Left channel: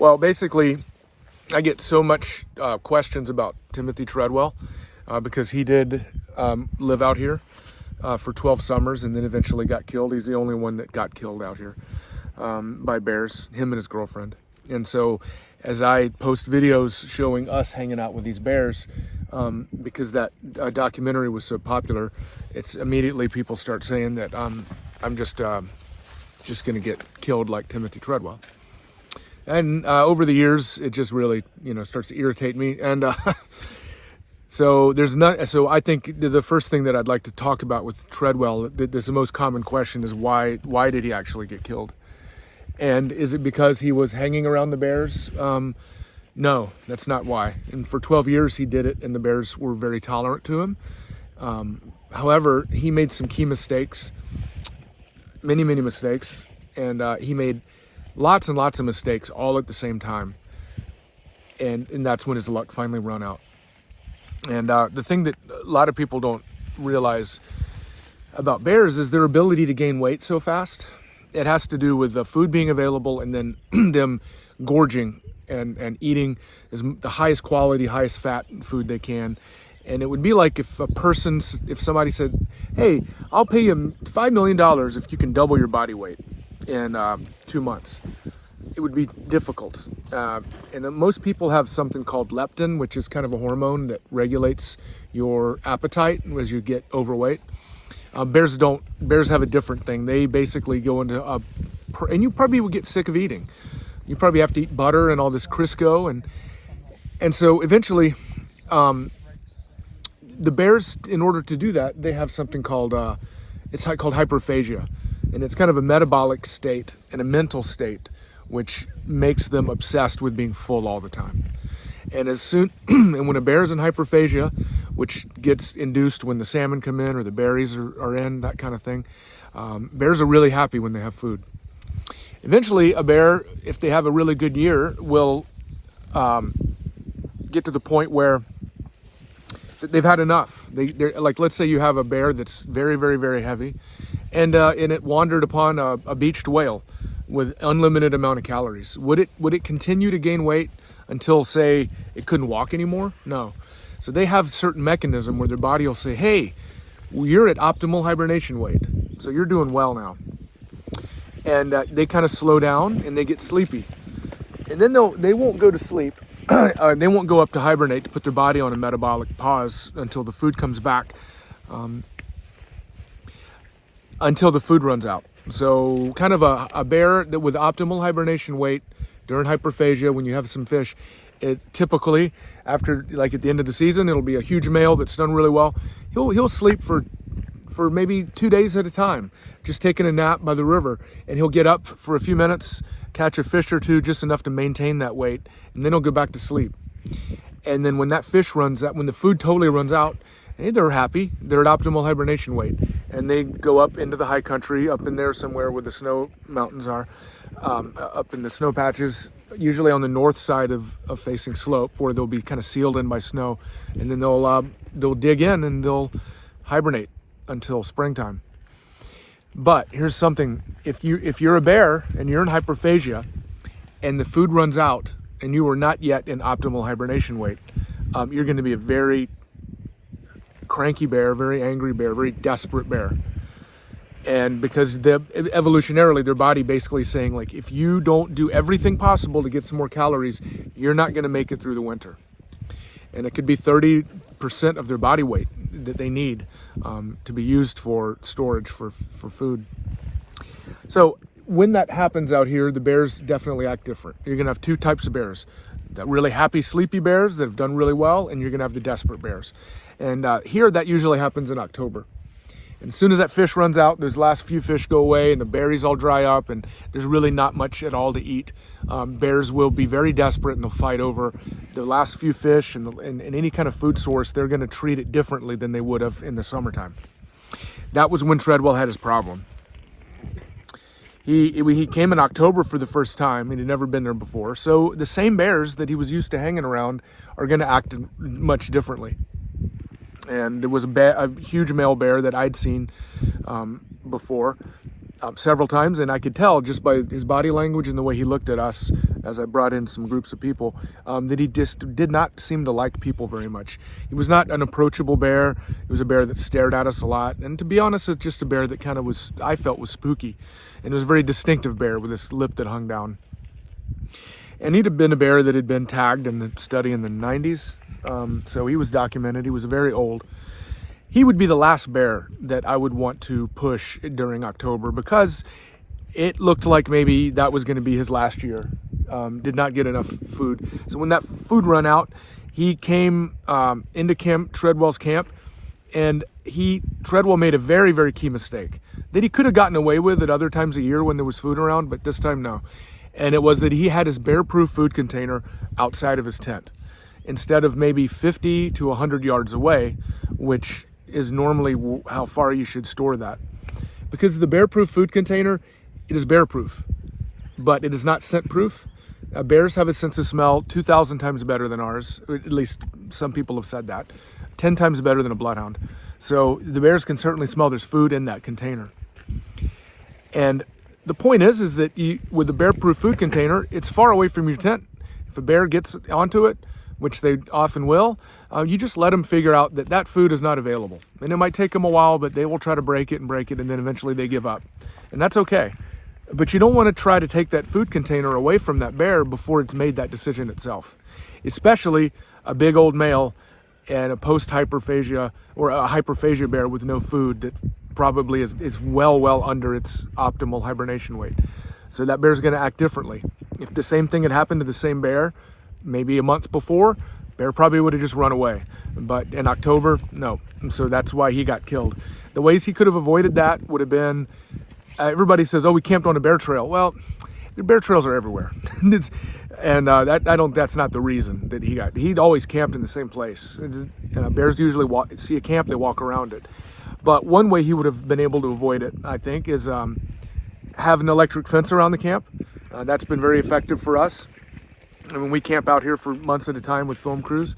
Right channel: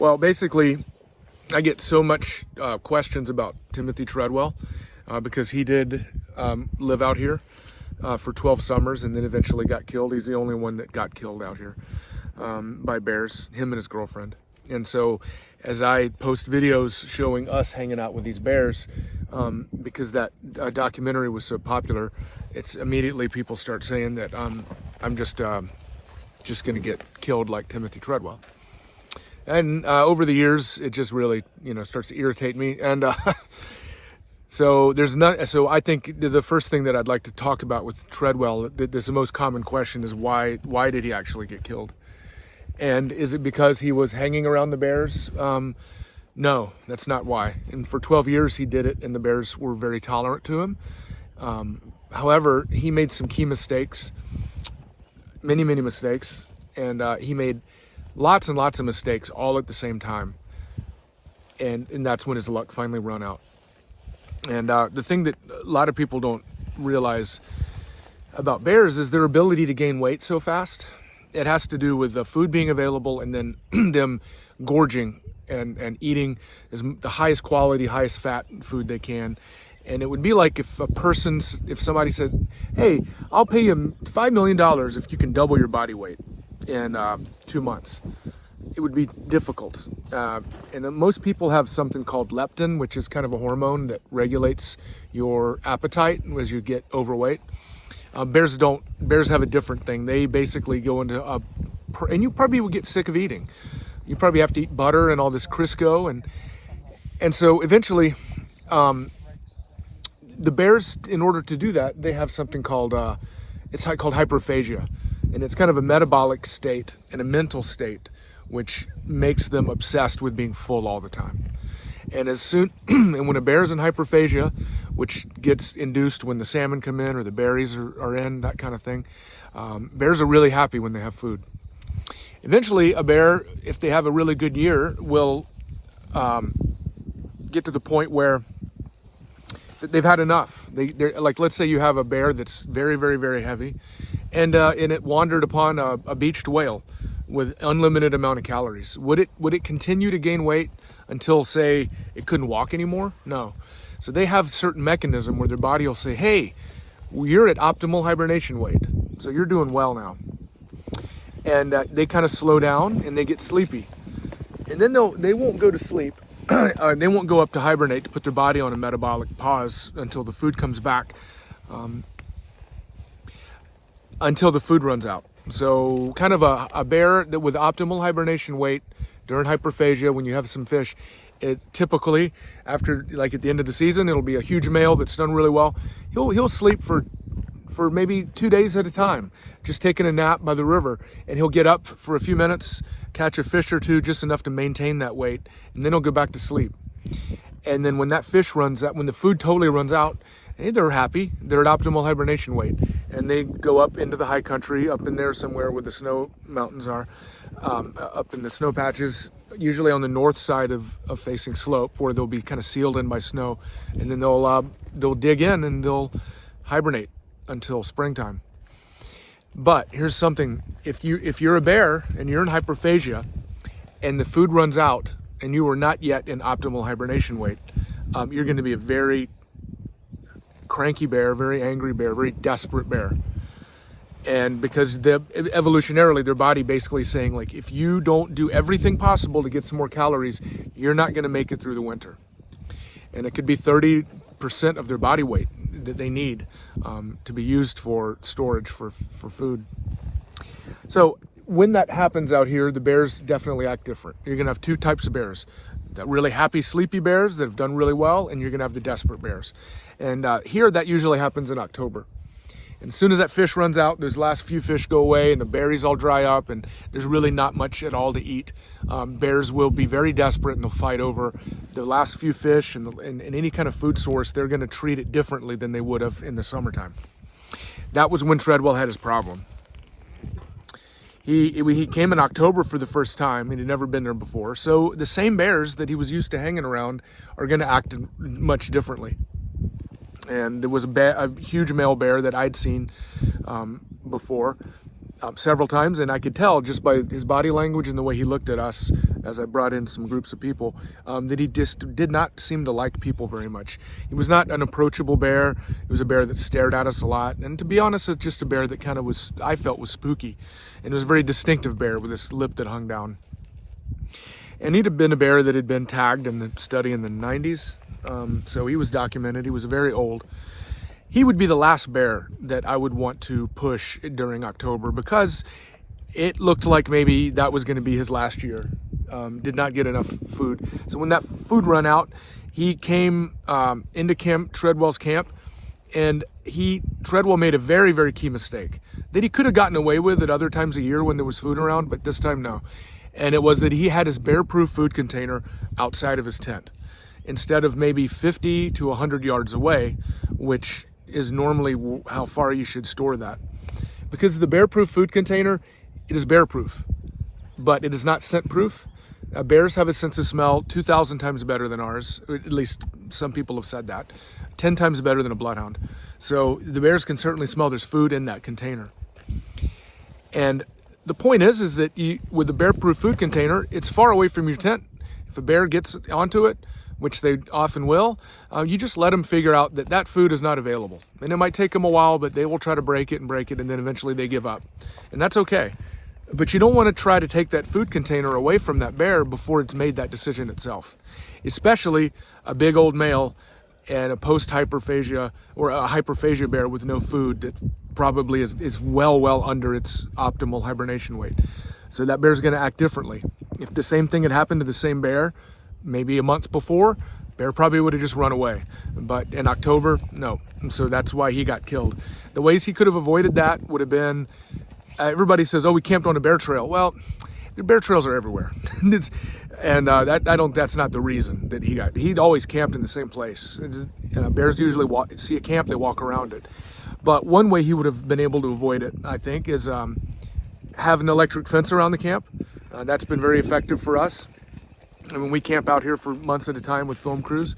Well, basically, I get so much questions about Timothy Treadwell because he did live out here for 12 summers and then eventually got killed. He's the only one that got killed out here by bears, him and his girlfriend. And so as I post videos showing us hanging out with these bears, because that documentary was so popular, it's immediately people start saying that I'm just going to get killed like Timothy Treadwell. And over the years, it just really, starts to irritate me. And so I think the first thing that I'd like to talk about with Treadwell, this the most common question is why did he actually get killed? And is it because he was hanging around the bears? No, that's not why. And for 12 years he did it, and the bears were very tolerant to him. However, he made some key mistakes, many mistakes, and he made lots and lots of mistakes all at the same time. And that's when his luck finally ran out. And the thing that a lot of people don't realize about bears is their ability to gain weight so fast. It has to do with the food being available and then them gorging and eating the highest quality, highest fat food they can. And it would be like if somebody said, hey, I'll pay you $5 million if you can double your body weight in 2 months. It would be difficult. And most people have something called leptin, which is kind of a hormone that regulates your appetite as you get overweight. Bears don't. Bears have a different thing. They basically go into and you probably would get sick of eating. You probably have to eat butter and all this Crisco, and so eventually, the bears, in order to do that, they have something called called hyperphagia, and it's kind of a metabolic state and a mental state, which makes them obsessed with being full all the time. And and when a bear's in hyperphagia, which gets induced when the salmon come in or the berries are in, that kind of thing, bears are really happy when they have food. Eventually, a bear, if they have a really good year, will get to the point where they've had enough. They're like, let's say you have a bear that's very, very, very heavy, and it wandered upon a beached whale with unlimited amount of calories. Would it continue to gain weight until, say, it couldn't walk anymore? No. So they have a certain mechanism where their body will say, hey, you're at optimal hibernation weight, so you're doing well now. And they kind of slow down and they get sleepy. And then they won't go to sleep. They won't go up to hibernate to put their body on a metabolic pause until the food comes back, until the food runs out. So kind of a bear that with optimal hibernation weight during hyperphagia, when you have some fish, it typically after, like at the end of the season, it'll be a huge male that's done really well. He'll sleep for maybe 2 days at a time, just taking a nap by the river, and he'll get up for a few minutes, catch a fish or two, just enough to maintain that weight, and then he'll go back to sleep. And then when that fish runs out, when the food totally runs out, hey, they're happy. They're at optimal hibernation weight, and they go up into the high country, up in there somewhere where the snow mountains are, up in the snow patches, usually on the north side of facing slope, where they'll be kind of sealed in by snow, and then they'll dig in and they'll hibernate until springtime. But here's something: if you're a bear and you're in hyperphagia, and the food runs out, and you are not yet in optimal hibernation weight, you're going to be a very cranky bear, very angry bear, very desperate bear. And because evolutionarily, their body basically saying, like, if you don't do everything possible to get some more calories, you're not going to make it through the winter. And it could be 30% of their body weight that they need to be used for storage for food. So when that happens out here, the bears definitely act different. You're going to have two types of bears: the really happy, sleepy bears that have done really well, and you're going to have the desperate bears. And here, that usually happens in October. And as soon as that fish runs out, those last few fish go away and the berries all dry up and there's really not much at all to eat. Bears will be very desperate and they'll fight over the last few fish and any kind of food source. They're going to treat it differently than they would have in the summertime. That was when Treadwell had his problem. He came in October for the first time, and he'd never been there before. So the same bears that he was used to hanging around are going to act much differently. And there was a huge male bear that I'd seen before, several times, and I could tell just by his body language and the way he looked at us as I brought in some groups of people, that he just did not seem to like people very much. He was not an approachable bear. He was a bear that stared at us a lot, and to be honest, it's just a bear that kind of was, I felt, was spooky, and it was a very distinctive bear with this lip that hung down. And he'd have been a bear that had been tagged in the study in the 90s, so he was documented. He was very old. He would be the last bear that I would want to push during October, because it looked like maybe that was going to be his last year. Did not get enough food. So when that food ran out, he came into Treadwell's camp, and Treadwell made a very, very key mistake that he could have gotten away with at other times of year when there was food around, but this time no. And it was that he had his bear-proof food container outside of his tent, instead of maybe 50 to 100 yards away, which is normally how far you should store that. Because the bear-proof food container, it is bear-proof, but it is not scent-proof. Bears have a sense of smell 2,000 times better than ours. At least some people have said that. 10 times better than a bloodhound. So the bears can certainly smell there's food in that container. And the point is that with the bear-proof food container, it's far away from your tent. If a bear gets onto it, which they often will, you just let them figure out that that food is not available. And it might take them a while, but they will try to break it, and then eventually they give up. And that's okay. But you don't want to try to take that food container away from that bear before it's made that decision itself. Especially a big old male and a post-hyperphagia or a hyperphagia bear with no food that probably is well under its optimal hibernation weight. So that bear's going to act differently. If the same thing had happened to the same bear maybe a month before, bear probably would have just run away. But in October, no. And so that's why he got killed. The ways he could have avoided that would have been, everybody says, oh, we camped on a bear trail. Well, the bear trails are everywhere. That's not the reason that he'd always camped in the same place. Bears usually see a camp, they walk around it. But one way he would have been able to avoid it, I think, is have an electric fence around the camp. That's been very effective for us. And when we camp out here for months at a time with film crews,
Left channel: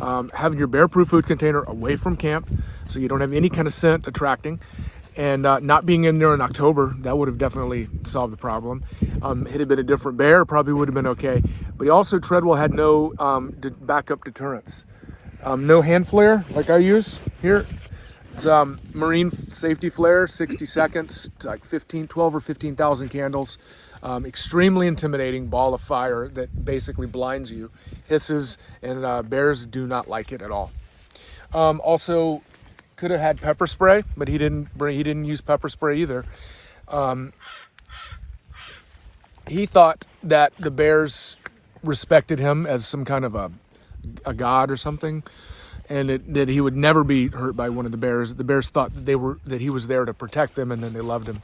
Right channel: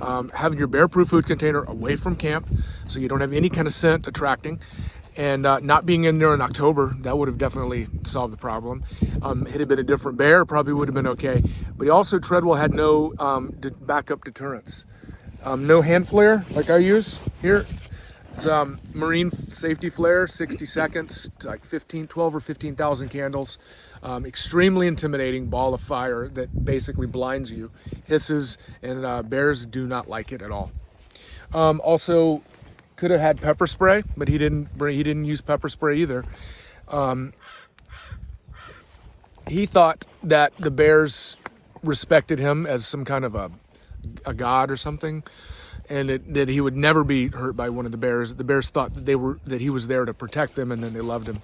having your bear-proof food container away from camp so you don't have any kind of scent attracting, and not being in there in October, that would have definitely solved the problem. It had been a different bear, probably would have been okay. But Treadwell had no backup deterrents. No hand flare like I use here. It's marine safety flare, 60 seconds, it's like 12 or 15,000 candles. Extremely intimidating ball of fire that basically blinds you, hisses, and bears do not like it at all. Also, could have had pepper spray, but he didn't use pepper spray either. He thought that the bears respected him as some kind of a god or something, and that he would never be hurt by one of the bears. The bears thought that he was there to protect them, and then they loved him.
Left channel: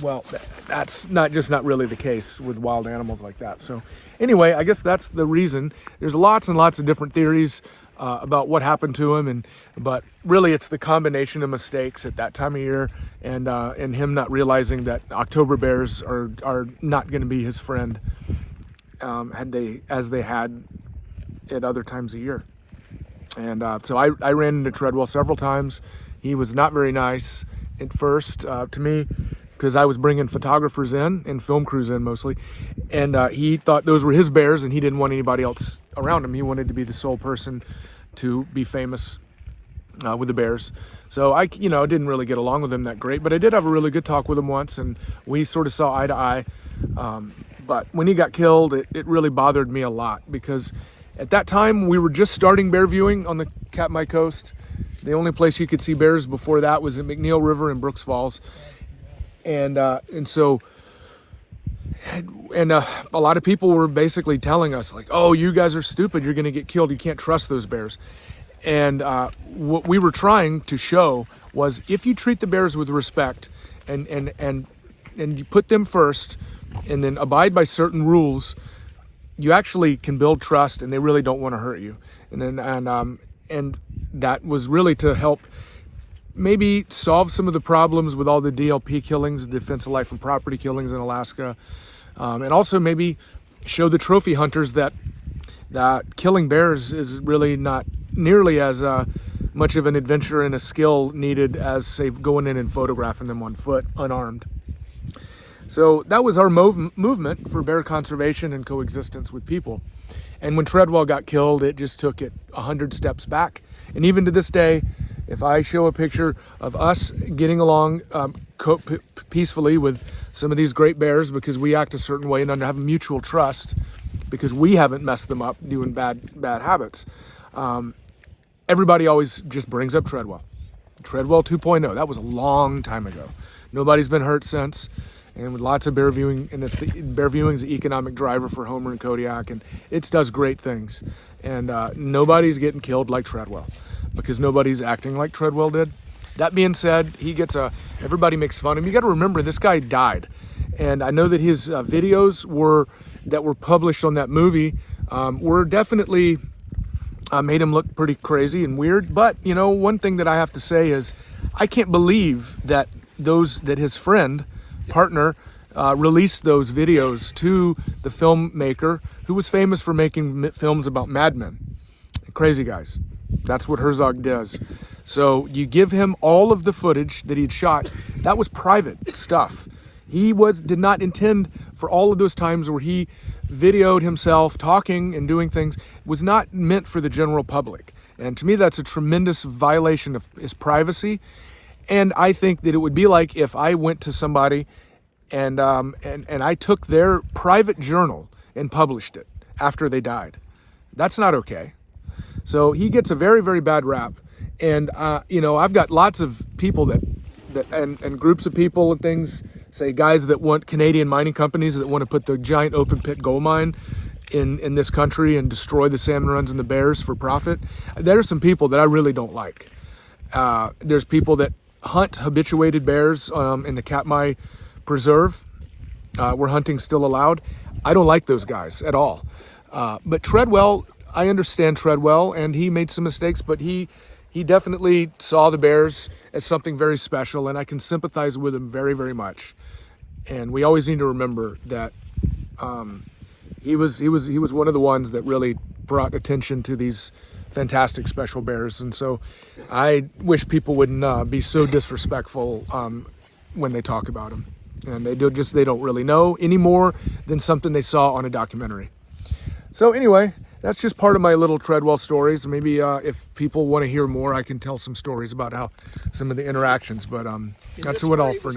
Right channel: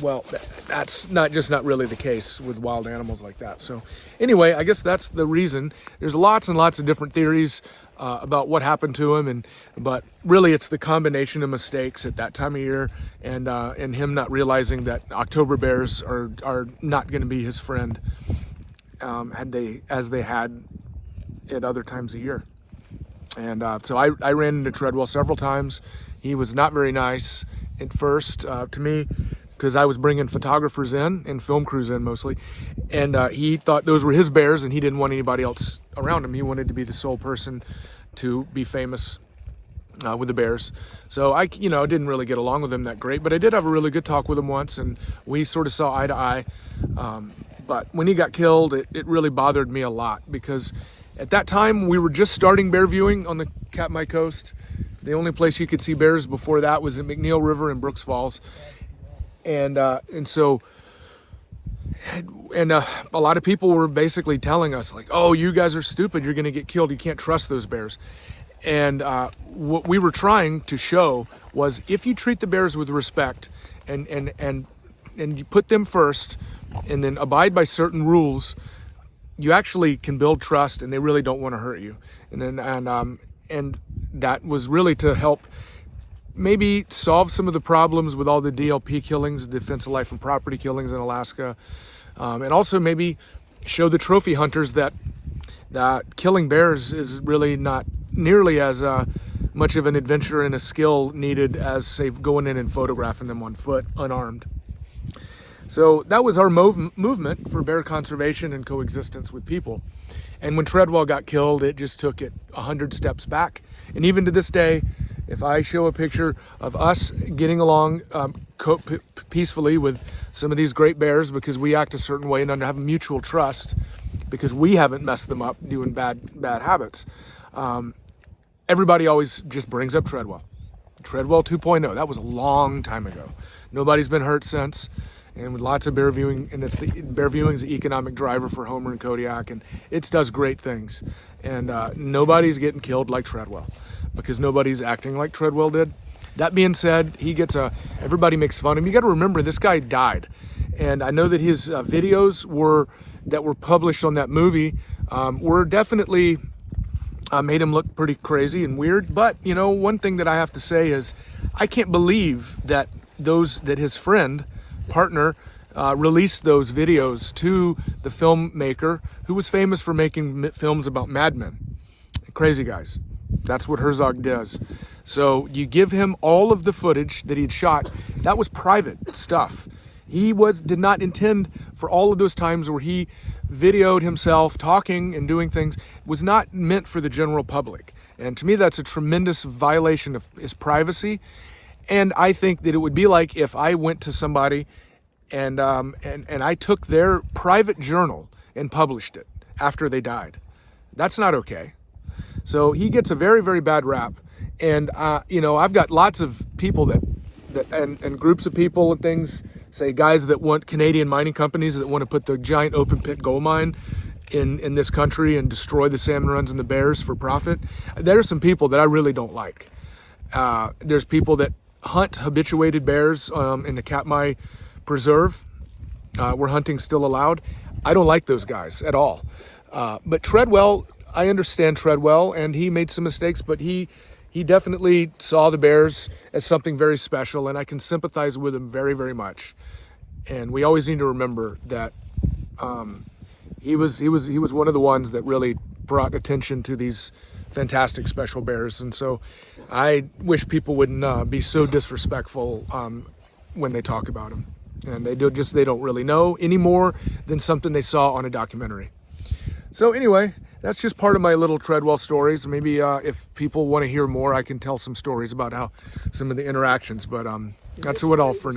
Well, that's not really the case with wild animals like that. So anyway, I guess that's the reason. There's lots and lots of different theories about what happened to him, but really it's the combination of mistakes at that time of year, and him not realizing that October bears are not going to be his friend as they had at other times of year. And so I ran into Treadwell several times. He was not very nice at first to me, because I was bringing photographers in and film crews in mostly, and he thought those were his bears, and he didn't want anybody else around him. He wanted to be the sole person to be famous with the bears. So I didn't really get along with him that great, but I did have a really good talk with him once, and we sort of saw eye to eye. But when he got killed, it really bothered me a lot, because at that time we were just starting bear viewing on the Katmai coast. The only place you could see bears before that was at McNeil River in Brooks Falls. And a lot of people were basically telling us, like, oh, you guys are stupid, you're going to get killed, you can't trust those bears. And what we were trying to show was, if you treat the bears with respect and you put them first and then abide by certain rules, you actually can build trust, and they really don't want to hurt you. And that was really to help maybe solve some of the problems with all the DLP killings, Defense of Life and Property killings in Alaska, and also maybe show the trophy hunters that killing bears is really not nearly as much of an adventure and a skill needed as, say, going in and photographing them on foot, unarmed. So that was our movement for bear conservation and coexistence with people. And when Treadwell got killed, it just took it 100 steps back. And even to this day, if I show a picture of us getting along peacefully with some of these great bears, because we act a certain way and have a mutual trust, because we haven't messed them up doing bad habits, everybody always just brings up Treadwell. Treadwell 2.0, that was a long time ago. Nobody's been hurt since, and with lots of bear viewing, and bear viewing is the economic driver for Homer and Kodiak, and it does great things. And nobody's getting killed like Treadwell, because nobody's acting like Treadwell did. That being said, everybody makes fun of him. You got to remember, this guy died, and I know that his videos that were published on that movie were definitely made him look pretty crazy and weird. But you know, one thing that I have to say is, I can't believe that his friend, partner, released those videos to the filmmaker who was famous for making films about madmen, crazy guys. That's what Herzog does. So you give him all of the footage that he'd shot. That was private stuff. He did not intend for all of those times where he videoed himself talking and doing things, was not meant for the general public. And to me, that's a tremendous violation of his privacy. And I think that it would be like if I went to somebody and I took their private journal and published it after they died. That's not okay. So he gets a very, very bad rap. And you know, I've got lots of people and groups of people and things, say guys that want Canadian mining companies that want to put the giant open pit gold mine in this country and destroy the salmon runs and the bears for profit. There are some people that I really don't like. There's people that hunt habituated bears in the Katmai Preserve, where hunting's still allowed. I don't like those guys at all. But Treadwell, I understand Treadwell, and he made some mistakes, but he definitely saw the bears as something very special, and I can sympathize with him very, very much. And we always need to remember that he was one of the ones that really brought attention to these fantastic special bears. And so I wish people wouldn't be so disrespectful when they talk about him. And they don't really know any more than something they saw on a documentary. So anyway, that's just part of my little Treadwell stories. Maybe if people want to hear more, I can tell some stories about how some of the interactions, but that's what all for now.